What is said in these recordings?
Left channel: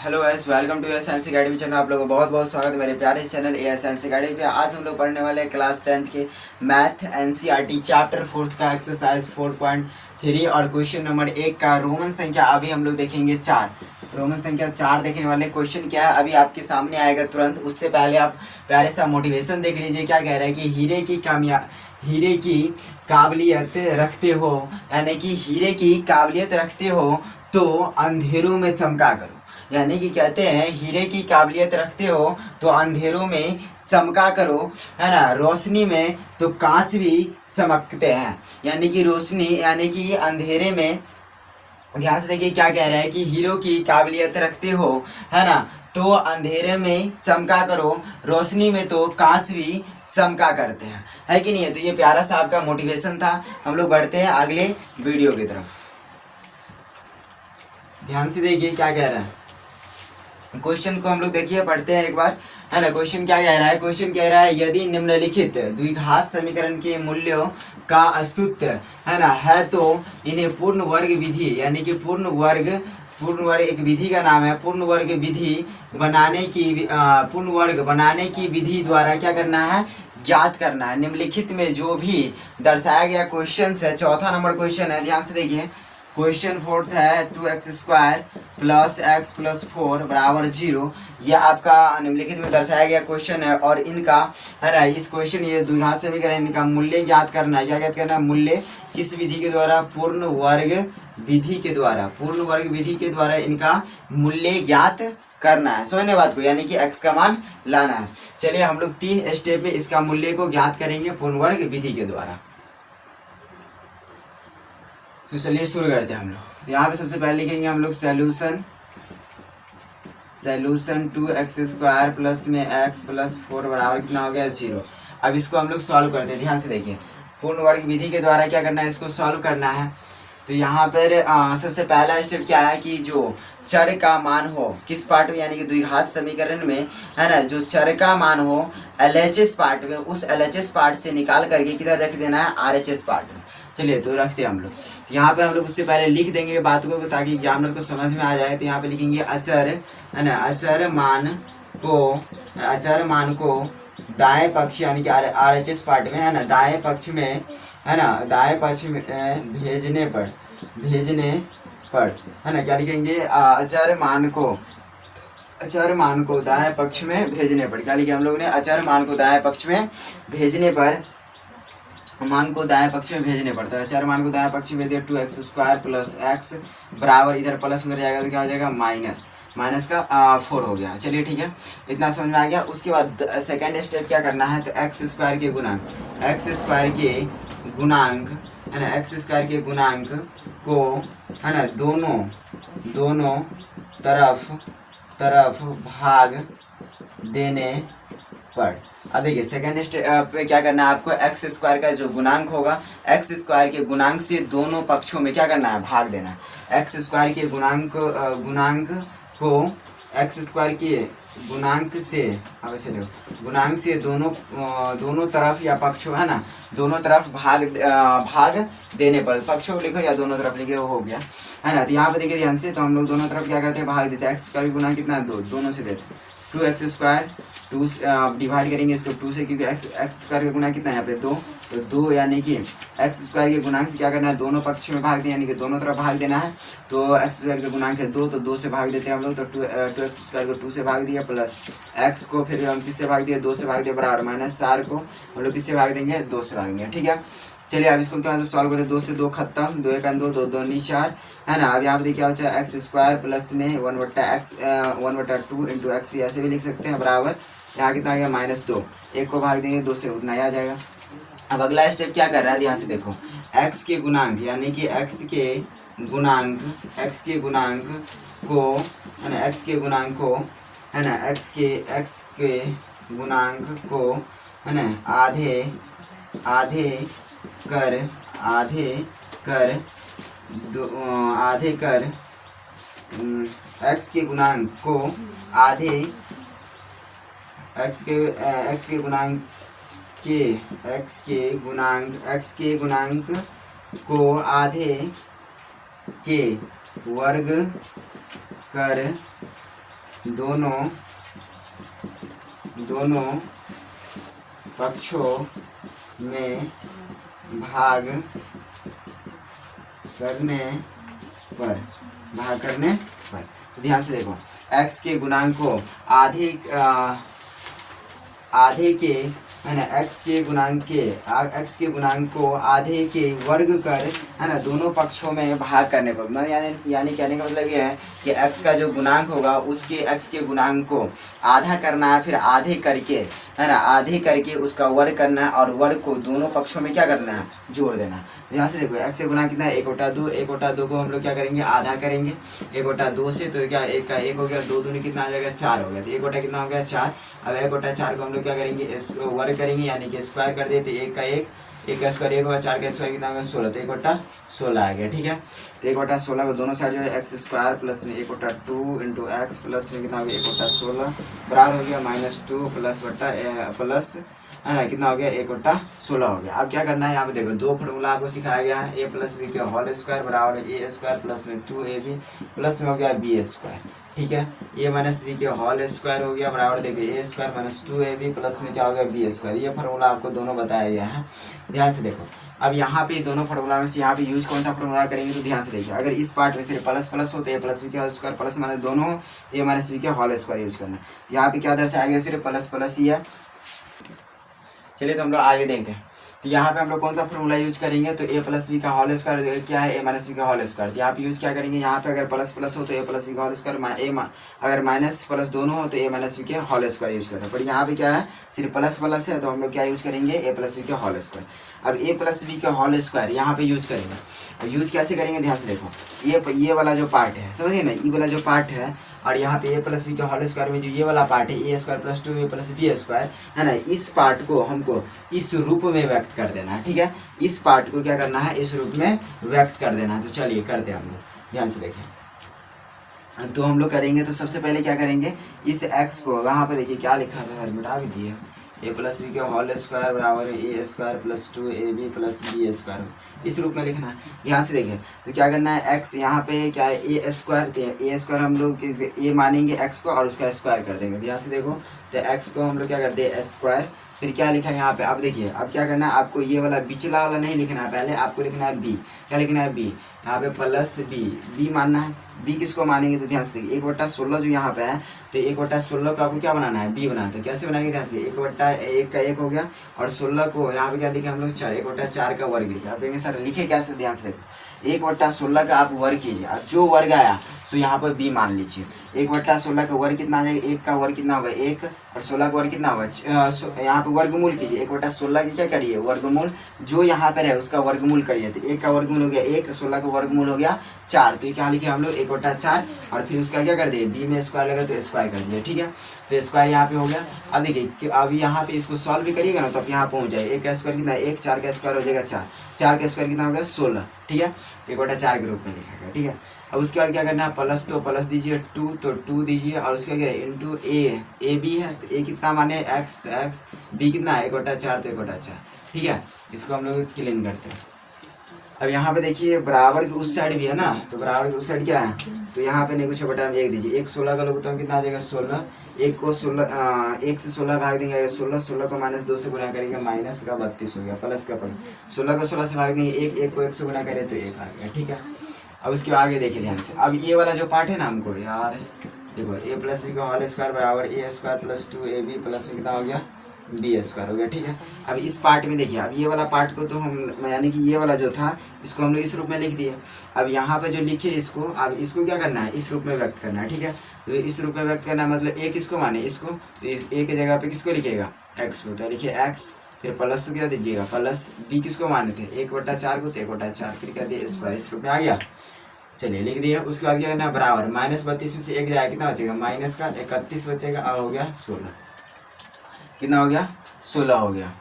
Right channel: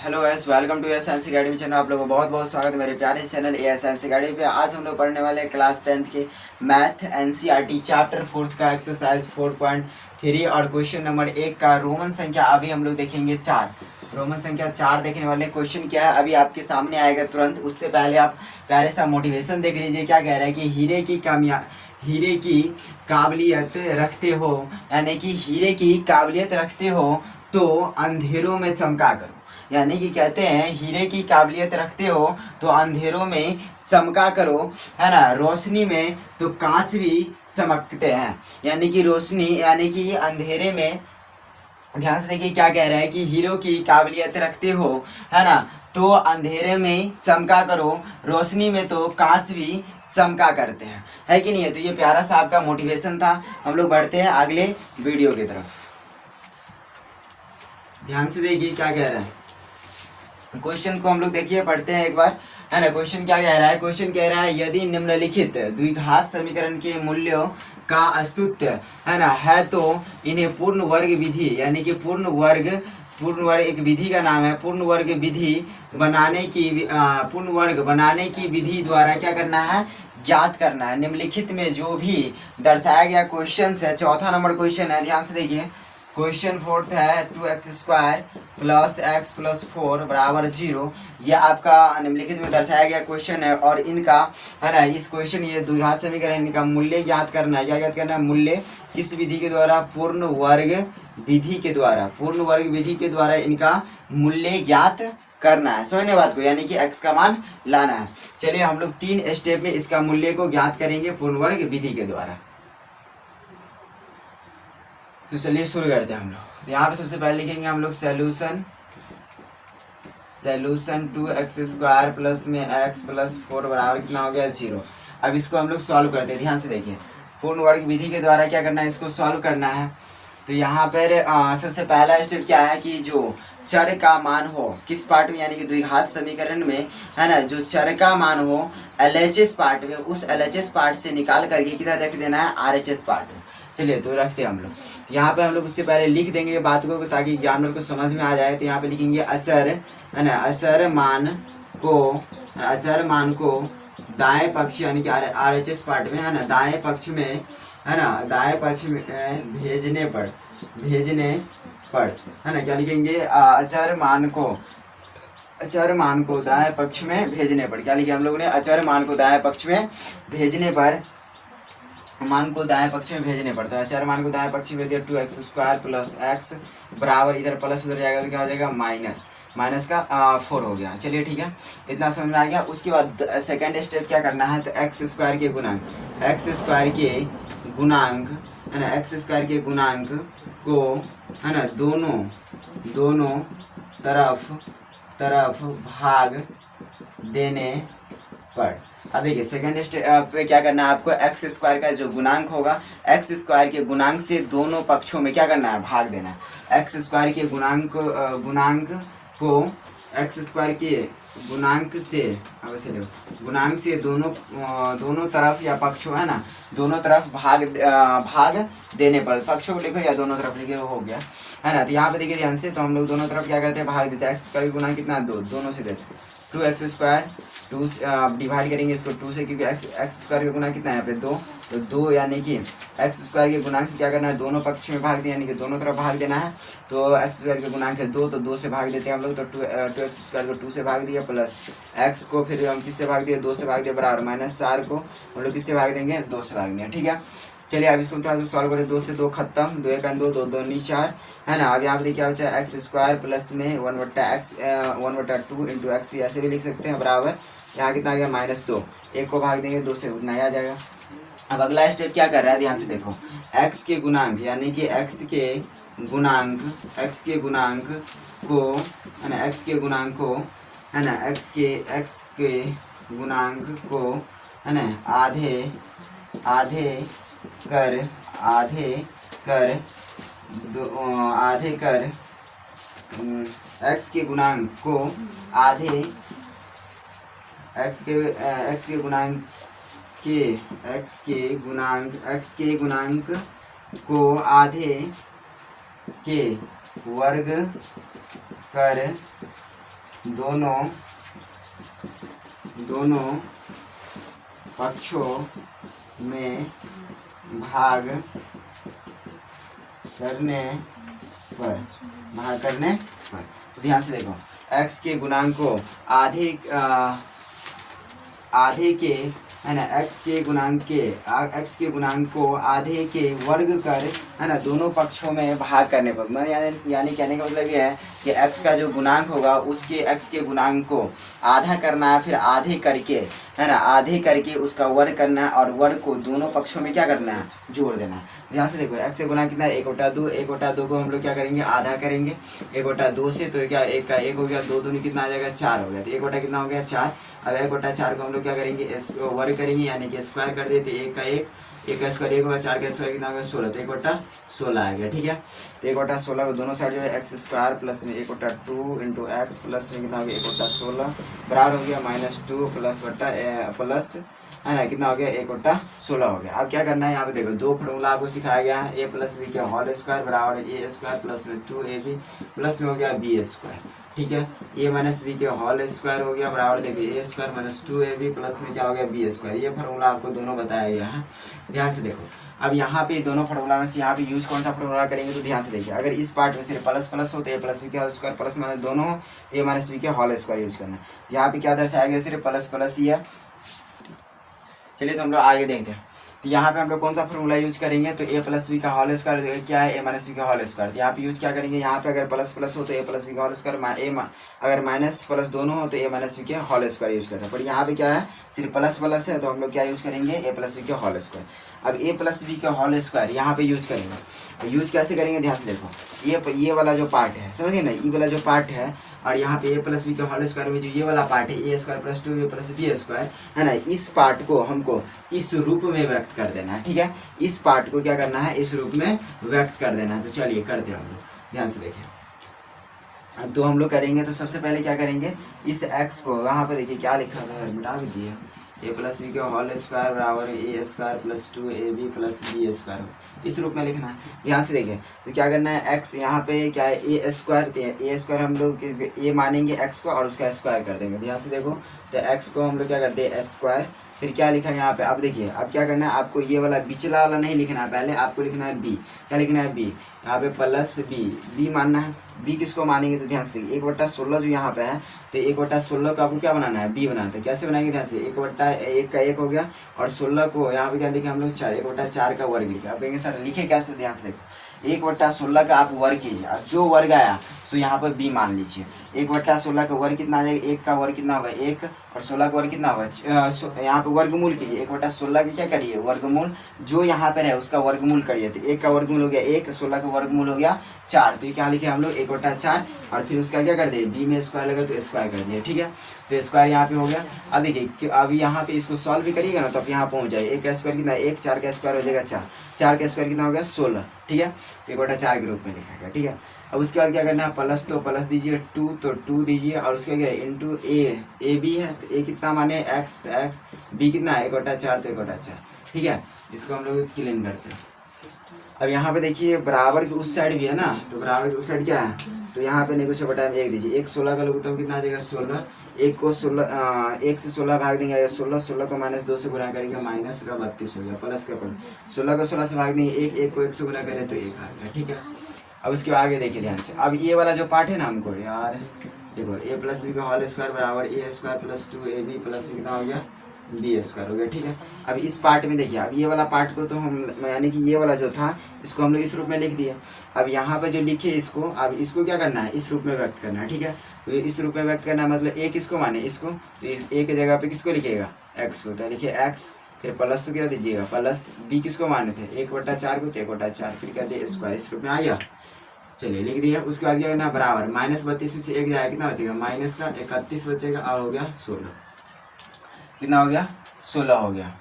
Hello guys, welcome to A science academy channel. आप लोगों को बहुत बहुत स्वागत है मेरे प्यारे चैनल ए साइंस अकेडमी पे। आज हम लोग पढ़ने वाले हैं क्लास 10th के मैथ एनसीईआरटी चैप्टर 4 का एक्सरसाइज 4.3 और क्वेश्चन नंबर 1 का रोमन संख्या अभी हम लोग देखेंगे 4। रोमन संख्या 4 देखने वाले। क्वेश्चन क्या है अभी आपके सामने आएगा तुरंत। उससे पहले आप प्यारे सा मोटिवेशन देख लीजिए। क्या कह रहा है कि हीरे की काबिलियत रखते हो, यानी कि हीरे की काबिलियत रखते हो तो अंधेरों में चमका करो। यानी कि कहते हैं हीरे की काबिलियत रखते हो तो अंधेरों में चमका करो, है ना। रोशनी में तो कांच भी चमकते हैं। यानी कि रोशनी यानी कि अंधेरे में, ध्यान से देखिए क्या कह रहा है कि हीरो की काबिलियत रखते हो, है ना, तो अंधेरे में चमका करो, रोशनी में तो कांच भी चमका करते हैं, है कि नहीं है। तो ये प्यारा सा आपका मोटिवेशन था। हम लोग बढ़ते हैं अगले वीडियो की तरफ। ध्यान से देखिए क्या कह रहा है। क्वेश्चन को हम लोग देखिए पढ़ते हैं एक बार, है ना। क्वेश्चन क्या कह रहा है। क्वेश्चन कह रहा है यदि निम्नलिखित द्विघात समीकरण के मूल्यों का अस्तित्व, है ना, है तो इन्हें पूर्ण वर्ग विधि, यानी कि पूर्ण वर्ग एक विधि का नाम है। पूर्ण वर्ग बनाने की विधि द्वारा क्या करना है, ज्ञात करना है। निम्नलिखित में जो भी दर्शाया गया क्वेश्चन है, चौथा नंबर क्वेश्चन है, ध्यान से देखिए। क्वेश्चन फोर्थ है 2x² प्लस x प्लस 4 बराबर 0। ये आपका निम्नलिखित में दर्शाया गया क्वेश्चन है और इनका, है ना, इस क्वेश्चन ये द्विघात समीकरण, इनका मूल्य ज्ञात करना है। क्या ज्ञात करना है, मूल्य किस विधि के द्वारा, पूर्ण वर्ग विधि के द्वारा इनका मूल्य ज्ञात करना है। समझने बात को, यानी कि x का मान लाना है। चलिए हम लोग 3 स्टेप में इसका मूल्य को ज्ञात करेंगे पूर्ण वर्ग विधि के द्वारा। तो चलिए शुरू करते हैं हम लोग। तो यहाँ पे सबसे पहले लिखेंगे हम लोग सैल्यूशन 2x² प्लस में x प्लस 4 बराबर कितना हो गया, 0। अब इसको हम लोग सॉल्व करते हैं। ध्यान से देखिए, पूर्ण वर्ग विधि के द्वारा क्या करना है, इसको सॉल्व करना है। तो यहाँ पर सबसे पहला स्टेप क्या है कि जो चर का मान हो किस पार्ट में, यानी कि द्विघात समीकरण में, है ना, जो चर का मान हो LHS पार्ट में, उस LHS पार्ट से निकाल करके किधर रख देना है, RHS पार्ट में। चलिए तो रखते हैं हम लोग। तो यहाँ पे हम लोग उससे पहले लिख देंगे बात को ताकि एग्जामिनर को समझ में आ जाए। तो यहाँ पे लिखेंगे अचर, है ना, अचर मान को दाएं पक्ष, यानी कि RHS पार्ट में, है ना, दाएं पक्ष में, है ना, दाएं पक्ष में भेजने पर, है ना, क्या लिखेंगे, अचर मान को दाएं पक्ष में भेजने पर। क्या लिखे हम लोगों ने, अचर मान को दाएं पक्ष में भेजने पर, मान को दाएं पक्ष में भेजने पड़ता है। अचर मान को दाएं पक्ष में दिया 2x² प्लस x बराबर, इधर प्लस उधर जाएगा तो क्या हो जाएगा, माइनस का 4 हो गया। चलिए ठीक है, इतना समझ में आ गया। उसके बाद सेकेंड स्टेप क्या करना है, तो x² के गुणांक, है ना, x² के गुणांक को, है ना, दोनों तरफ भाग देने पर। अब देखिए सेकेंड स्टेप पे क्या करना है आपको, x² का जो गुणांक होगा, x² के गुणांक से दोनों पक्षों में क्या करना है, भाग देना है। x² के गुणांक को x² के गुणांक से दोनों तरफ या पक्षों, है ना, दोनों तरफ भाग देने पर। पक्षों को लिखो या दोनों तरफ लिखो, हो गया, है ना। तो यहाँ पे देखिए ध्यान से, तो हम लोग दोनों तरफ क्या करते हैं, भाग देते हैं। x² के गुणांक कितना है, 2, दोनों से देते हैं। 2x², 2 डिवाइड करेंगे इसको 2 से, क्योंकि x² का गुणांक कितना है यहाँ पे, 2। तो 2 यानी कि x² के गुणांक से क्या करना है, दोनों पक्ष में भाग दिया, यानी कि दोनों तरफ भाग देना है। तो x² का गुणांक है 2, तो 2 से भाग देते हैं हम लोग। तो 2x² को 2 से भाग दिया, प्लस x को फिर हम किससे भाग दिया, 2 से भाग दिया, बराबर -4 को हम लोग किससे भाग देंगे, 2 से भाग देंगे। ठीक है, चलिए अब इसको थोड़ा सा सॉल्व करें। 2 से 2 खत्म, 2 1 2, 2 2 नी 4, है ना। अब यहाँ पे देखिए क्या बचा, x² प्लस में 1/2 इंटू एक्स भी ऐसे भी लिख सकते हैं, बराबर यहाँ कितना आ गया, -2। 1 को भाग देंगे 2 से, उतना ही आ जाएगा। अब अगला स्टेप क्या कर रहा है, ध्यान से देखो, x के गुणांक, यानी कि x के गुणांक को, है ना, x के गुणांक को, है ना, x के गुणांक को, है ना, आधे कर x के गुणांक को आधे x के गुणांक को आधे के वर्ग कर दोनों पक्षों में भाग करने पर तो ध्यान से देखो, x के गुणांक को आधे के है ना, x के गुणांक को आधे के वर्ग कर है ना दोनों पक्षों में भाग करने पर, यानी कहने का मतलब ये है कि x का जो गुणांक होगा उसके x के गुणांक को आधा करना है, फिर आधे करके है ना, आधे करके उसका वर्ग करना है और वर्ग को दोनों पक्षों में क्या करना है, जोड़ देना है। यहाँ से देखो x का गुणांक कितना है, 1/2, 1/2 को हम लोग क्या करेंगे, आधा करेंगे 1/2 से, तो क्या 1 का 1 हो गया, 2 दूनी कितना आ जाएगा, 4 हो गया, तो 1 कितना हो गया, 4। अब 1/4 को हम लोग क्या करेंगे, वर्ग करेंगे यानी कि स्क्वायर कर देते, 1 का 1 का स्क्वायर 1 होगा, 4 का स्क्वायर कितना होगा, 16, तो 1/16 आ गया। ठीक है, तो 1/16 को दोनों साइड जो है x स्क्वायर प्लस में 1/2 इंटू एक्स प्लस में कितना हो गया, 1/16 बराबर हो गया -2 प्लस है ना, कितना हो गया, 1/16 हो गया। अब क्या करना है, यहाँ पे देखो दो फॉर्मूला आपको सिखाया गया है, a प्लस बी के होल स्क्वायर बराबर a स्क्वायर प्लस में 2ab प्लस में हो गया b स्क्वायर। ठीक है, a माइनस बी के होल स्क्वायर हो गया बराबर देखिए a square minus 2ab plus में क्या हो गया, b स्क्वायर। ये फार्मूला आपको दोनों बताया गया है, ध्यान से देखो। अब यहाँ पे दोनों फार्मूला में से यहाँ पे यूज कौन सा फार्मूला करेंगे, तो ध्यान से देखिए, अगर इस पार्ट में सिर्फ प्लस प्लस हो तो a प्लस बी के होल स्क्वायर प्लस माइनस दोनों हो तो a माइनस बी के होल स्क्वायर यूज करना है। तो यहाँ पे क्या दर्शाया गया, सिर्फ प्लस प्लस ही है। चलिए तो हम लोग आगे देखते हैं, तो यहाँ पे हम लोग कौन सा फॉर्मूला यूज करेंगे, तो a प्लस बी का होल स्क्वायर क्या है, a माइनस बी का होल स्क्वायर। तो यहाँ पे यूज क्या करेंगे, यहाँ पे अगर प्लस प्लस हो तो a प्लस बी का होल स्क्वायर, अगर माइनस प्लस दोनों हो तो a माइनस बी के होल स्क्वायर यूज करना है। पर यहाँ पे क्या है, सिर्फ प्लस प्लस है, तो हम लोग क्या यूज करेंगे, a प्लस बी के होल स्क्वायर। अब a प्लस बी के होल स्क्वायर यहाँ पे यूज करेंगे। अब यूज कैसे करेंगे, ध्यान से देखो, ये वाला जो पार्ट है, समझिए ना, ये वाला जो पार्ट है, और यहाँ पे a प्लस बी के होल स्क्वायर में जो ये वाला पार्ट है, a square plus 2a plus B square है ना, इस पार्ट को हमको इस रूप में व्यक्त कर देना है। ठीक है, इस पार्ट को क्या करना है, इस रूप में व्यक्त कर देना है। तो चलिए करते हैं हम लोग, ध्यान से देखें। तो हम लोग करेंगे, तो सबसे पहले क्या करेंगे, इस x को यहाँ पर देखिए क्या लिखा था, मिटा भी दिया, a प्लस बी के होल स्क्वायर बराबर a square plus 2ab plus B square, इस रूप में लिखना है। यहाँ से देखिए, तो क्या करना है, x यहाँ पे क्या है, a स्क्वायर, a स्क्वायर हम लोग a मानेंगे x को और उसका स्क्वायर कर देंगे। ध्यान से देखो, तो x को हम लोग क्या करते हैं, स्क्वायर, फिर क्या लिखा है यहाँ पे, अब देखिए, अब क्या करना है, आपको ये वाला बिचला वाला नहीं लिखना है, पहले आपको लिखना है b। क्या लिखना है, b, यहाँ पे प्लस b मानना है। b किसको मानेंगे, तो ध्यान से देखिए, 1/16 जो यहाँ पे है, तो 1/16 को आपको क्या बनाना है, b बनाना है। कैसे बनाएंगे, ध्यान से, 1/1 का 1 हो गया, और 16 को यहाँ पे क्या लिखे हम लोग, 4, 1/4 का वर्ग लिखा। आप सर लिखे कैसे, ध्यान से देखो, 1/16 का आप वर्ग कीजिए, और जो वर्ग आया सो यहाँ पर b मान लीजिए। 1/16 का वर्ग कितना आ जाएगा, 1 का वर्ग कितना होगा 1, और 16 का वर्ग कितना होगा, यहाँ पे वर्गमूल कीजिए, 1/16 की क्या करिए, वर्गमूल, जो यहाँ पे रहे उसका वर्गमूल करिए। तो 1 का वर्गमूल हो गया 1, 16 का वर्गमूल हो गया 4, तो ये क्या लिखे हम लोग 1/4, और फिर उसका क्या कर दिए, b में स्क्वायर लगा तो स्क्वायर कर दिया। ठीक है, तो स्क्वायर यहाँ पे हो गया। अब देखिए, अब यहाँ पे इसको सॉल्व भी करिएगा ना, तो आप यहाँ पहुँच जाए, 1 का स्क्वायर कितना, 1, 4 का स्क्वायर हो जाएगा 4, 4 का स्क्वायर कितना हो गया, 16। ठीक है, तो 1/4 के रूप में लिखा गया। ठीक है, अब उसके बाद क्या करना है, प्लस, तो प्लस दीजिए, 2 तो 2 दीजिए, और उसके क्या इंटू ए बी है, तो a कितना माने x, तो x, b कितना है 1/4, तो 1/4। ठीक है, इसको हम लोग क्लीन करते हैं। अब यहाँ पे देखिए, बराबर की उस साइड भी है ना, तो बराबर की उस साइड क्या है, तो यहाँ पे नहीं कुछ बटा 1 दीजिए, 1 16 का लोग तो हम कितना आ जाएगा 16, 1 को 16 1 से 16 भाग देंगे 16, 16 को -2 से गुना करेंगे माइनस का 32 हो गया, प्लस का 16 को 16 से भाग देंगे 1, 1 को 1 से गुना करें तो 1 आ गया। ठीक है, अब उसके आगे देखिए ध्यान से, अब ये वाला जो पार्ट है ना, हमको यार देखो, a प्लस बी का होल स्क्वायर बराबर a square plus 2ab plus में कितना हो गया, b स्क्वायर हो गया। ठीक है, अब इस पार्ट में देखिए, अब ये वाला पार्ट को तो हम यानी कि ये वाला जो था इसको हम लोग इस रूप में लिख दिए। अब यहाँ पे जो लिखे इसको, अब इसको क्या करना है, इस रूप में व्यक्त करना है। ठीक है, तो इस रूप में व्यक्त करना है, मतलब a किसको माने, इसको, तो a की जगह पे किसको लिखिएगा, x को, तो लिखिए x, फिर प्लस तो क्या दीजिएगा, प्लस b किसको माने थे 1/4 को, तो 1/4, फिर क्या दिए स्क्वायर, इस रूप में आ गया। चलिए लिख दिया। उसके बाद क्या करना, बराबर -32 में से 1 जाएगा, कितना बचेगा, माइनस का 31 बचेगा, और हो गया 16, कितना हो गया, 16 हो गया,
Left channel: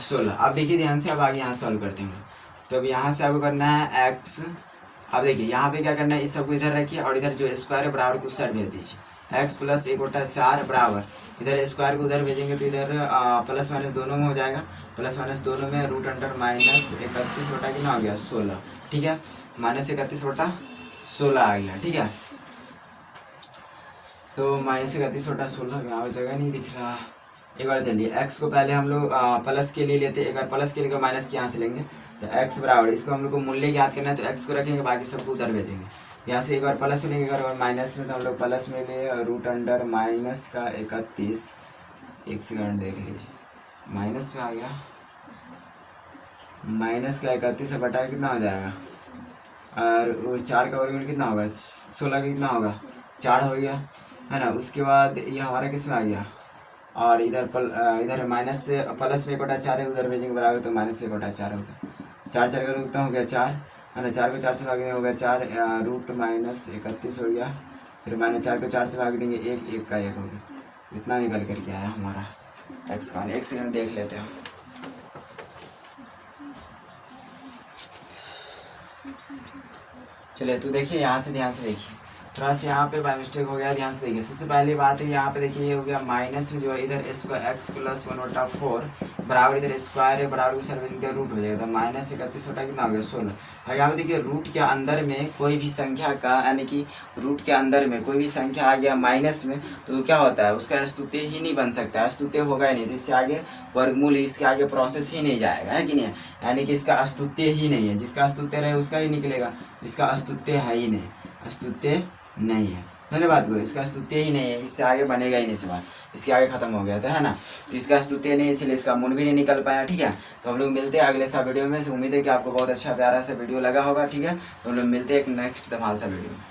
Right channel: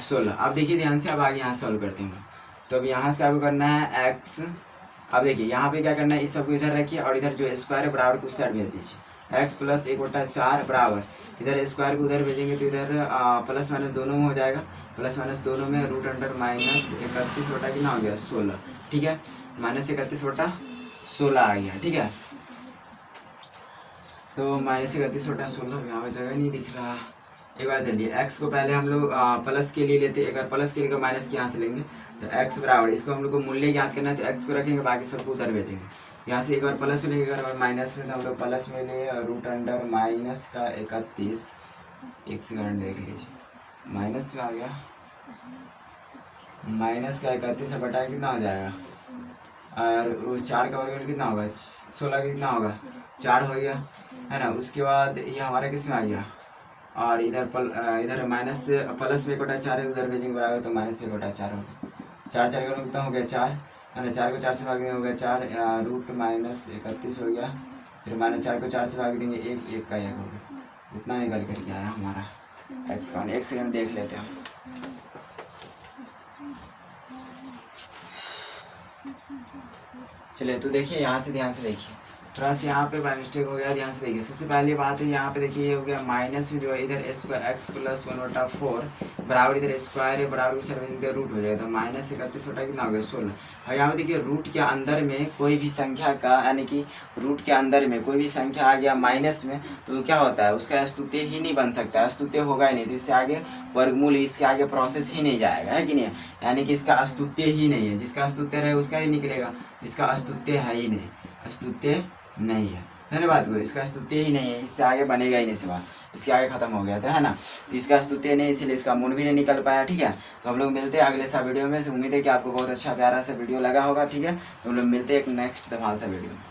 16। अब देखिए ध्यान से, अब आगे यहाँ सॉल्व करते हैं। तो अब यहाँ से आपको करना है x, अब देखिए यहाँ पे क्या करना है, इस सबको इधर रखिए, और इधर जो स्क्वायर है बराबर को उस साइड भेज दीजिए, x प्लस 1/4 बराबर, इधर स्क्वायर को उधर भेजेंगे तो इधर प्लस माइनस दोनों में हो जाएगा, प्लस माइनस दोनों में रूट अंडर -31 बटा कितना हो गया 16। ठीक है, -31/16 आ गया। ठीक है, तो -31/16 यहाँ पर जगह नहीं दिख रहा। एक बार चलिए x को पहले हम लोग प्लस के लिए लेते हैं, एक बार प्लस के लिए माइनस के यहाँ से लेंगे तो x बराबर, इसको हम लोग को मूल्य याद करना है तो x को रखेंगे, बाकी सबको उधर भेजेंगे। यहाँ से एक बार प्लस में लेंगे, एक बार माइनस में, तो हम लोग प्लस में ले √-31, एक सेकंड देख लीजिए, माइनस में आ गया, -31 बटा कितना हो जाएगा, और 4 का वर्गमूल कितना होगा, 16 कितना होगा, 4 हो गया है ना। उसके बाद ये हमारा किस में आ गया, और इधर माइनस से प्लस में 1/4 है, उधर भेजेंगे बराबर, तो -1/4 होगा। 4 4 का रूट तो हो गया 4 है ना, 4 को 4 से भाग देंगे हो गया 4, √-31 हो गया, फिर -4 को 4 से भाग देंगे 1, 1 का 1 हो गया। इतना निकल करके आया हमारा x का। एक सेकंड देख लेते हैं। चलिए तो देखिए यहाँ से, ध्यान से देखिए, थोड़ा सा यहाँ पे बाय मिस्टेक हो गया, ध्यान से देखिए। सबसे पहली बात है यहाँ पे देखिए, ये हो गया माइनस में जो है इधर x+1/4 बराबर, इधर स्क्वायर है बराबर के सर्व इनका रूट हो जाएगा, तो -31 बटा कितना हो गया 16। और यहाँ पे देखिए रूट के अंदर में कोई भी संख्या का, यानी कि रूट के अंदर में कोई भी संख्या आ गया माइनस में, तो क्या होता है, उसका अस्तुत्य ही नहीं बन सकता, अस्तुत्य होगा ही नहीं, तो इससे आगे वर्गमूल, इसके आगे प्रोसेस ही नहीं जाएगा, है कि नहीं, यानी कि इसका अस्तुत्य ही नहीं है, जिसका अस्तुत्य रहे उसका ही निकलेगा, इसका अस्तुत्य है ही नहीं, अस्तुत्य नहीं है। धन्यवाद को, इसका स्तुत्य ही नहीं है, इससे आगे बनेगा ही नहीं सवाल, इसके आगे खत्म हो गया था, है ना। तो इसका स्तुत्य नहीं, इसलिए इसका मूल भी नहीं निकल पाया, ठीक है। तो हम लोग मिलते हैं अगले सा वीडियो में। उम्मीद है कि आपको बहुत अच्छा प्यारा सा वीडियो लगा होगा, ठीक है। तो हम लोग मिलते हैं एक नेक्स्ट धमाल सा वीडियो में।